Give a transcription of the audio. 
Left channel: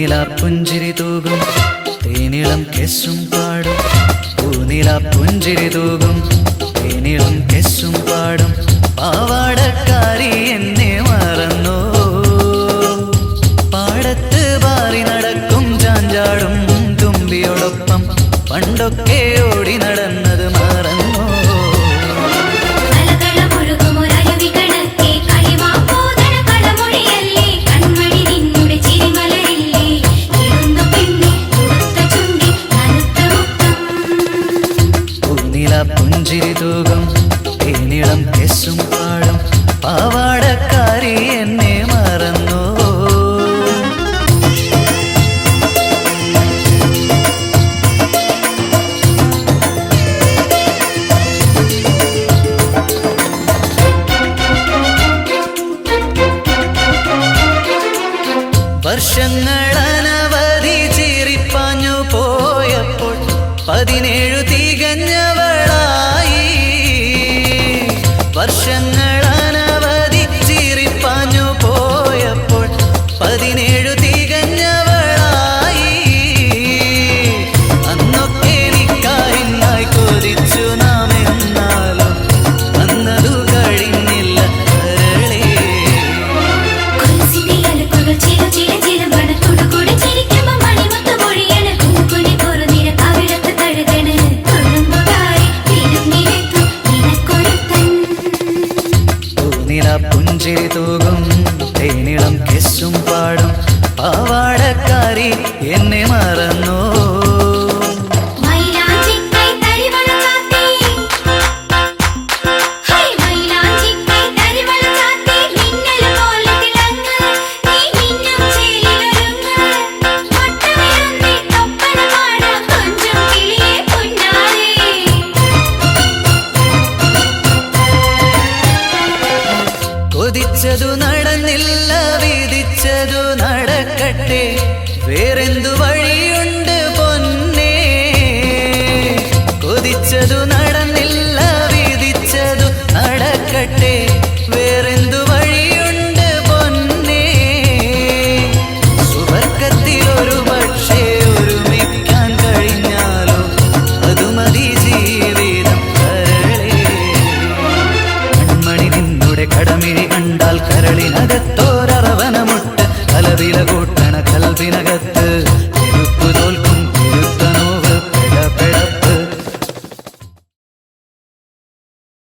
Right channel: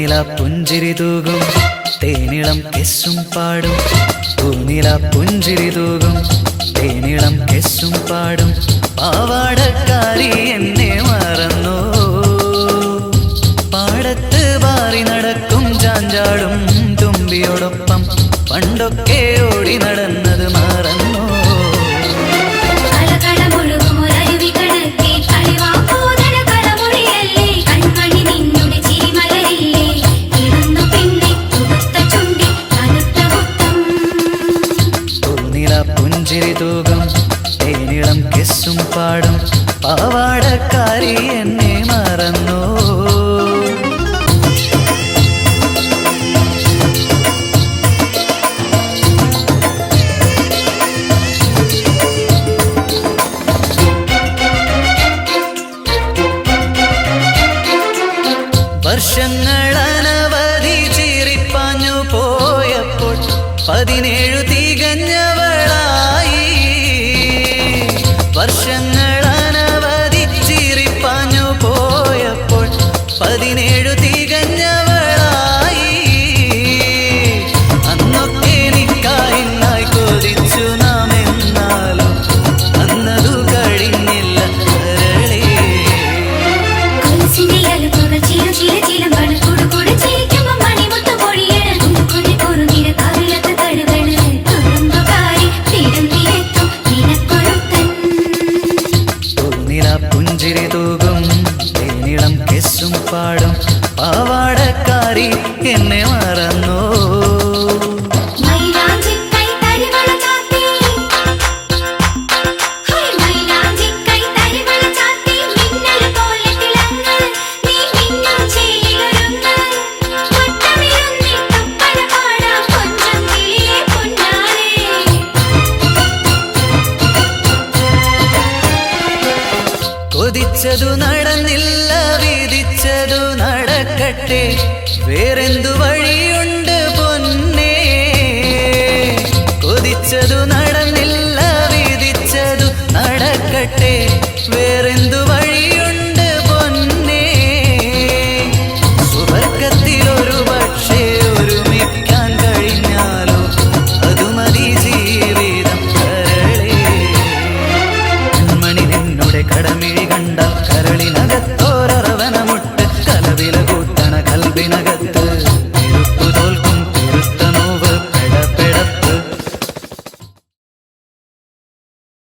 പൂനില പുഞ്ചിരി തൂകും തേനിളം കെസ്സും പാടും പൂനില പുഞ്ചിരി തൂകും തേനിളം കെസ്സും പാടും പാവാടക്കാരി എന്നെ മറന്നോ പാടത്ത് പാറി നടക്കും ചാഞ്ചാടും തുമ്പിയോടൊപ്പം പണ്ടൊക്കെ ഓടി നടന്നത് മറന്നോ പുഞ്ചിരി തൂകും തേനിളം കെസ്സും പാടും പാവാടക്കാരി എന്നെ മറന്നോ വർഷങ്ങളനവധി ചീറിപ്പാഞ്ഞു പോയപ്പോൾ 17 തികഞ്ഞവളായി വർഷങ്ങളനവധി ചീറിപ്പാഞ്ഞു പോയപ്പോൾ 17 തികഞ്ഞവളായി അന്നൊക്കെ നിക്കാഹിനായി കൊതിച്ചു നാം എന്നാലും അന്നതു കഴിഞ്ഞില്ല കരളേ പുഞ്ചിരി തൂകും തേനിളം കെസ്സും പാടും പാവാടക്കാരി എന്നെ മറന്നോ കൊതിച്ചതു നടന്നില്ല വിധിച്ചതു നടക്കട്ടെ വേറെന്തു വഴിയുണ്ട് പൊന്നേ കൊതിച്ചതു നടന്നില്ല വിധിച്ചതു നടക്കട്ടെ വേറെന്തു വഴിയുണ്ട് പൊന്നേ സുബർക്കത്തിലൊരു പക്ഷേ ഒരുമിക്കാൻ കഴിഞ്ഞാലോ അതു മതി ജീവി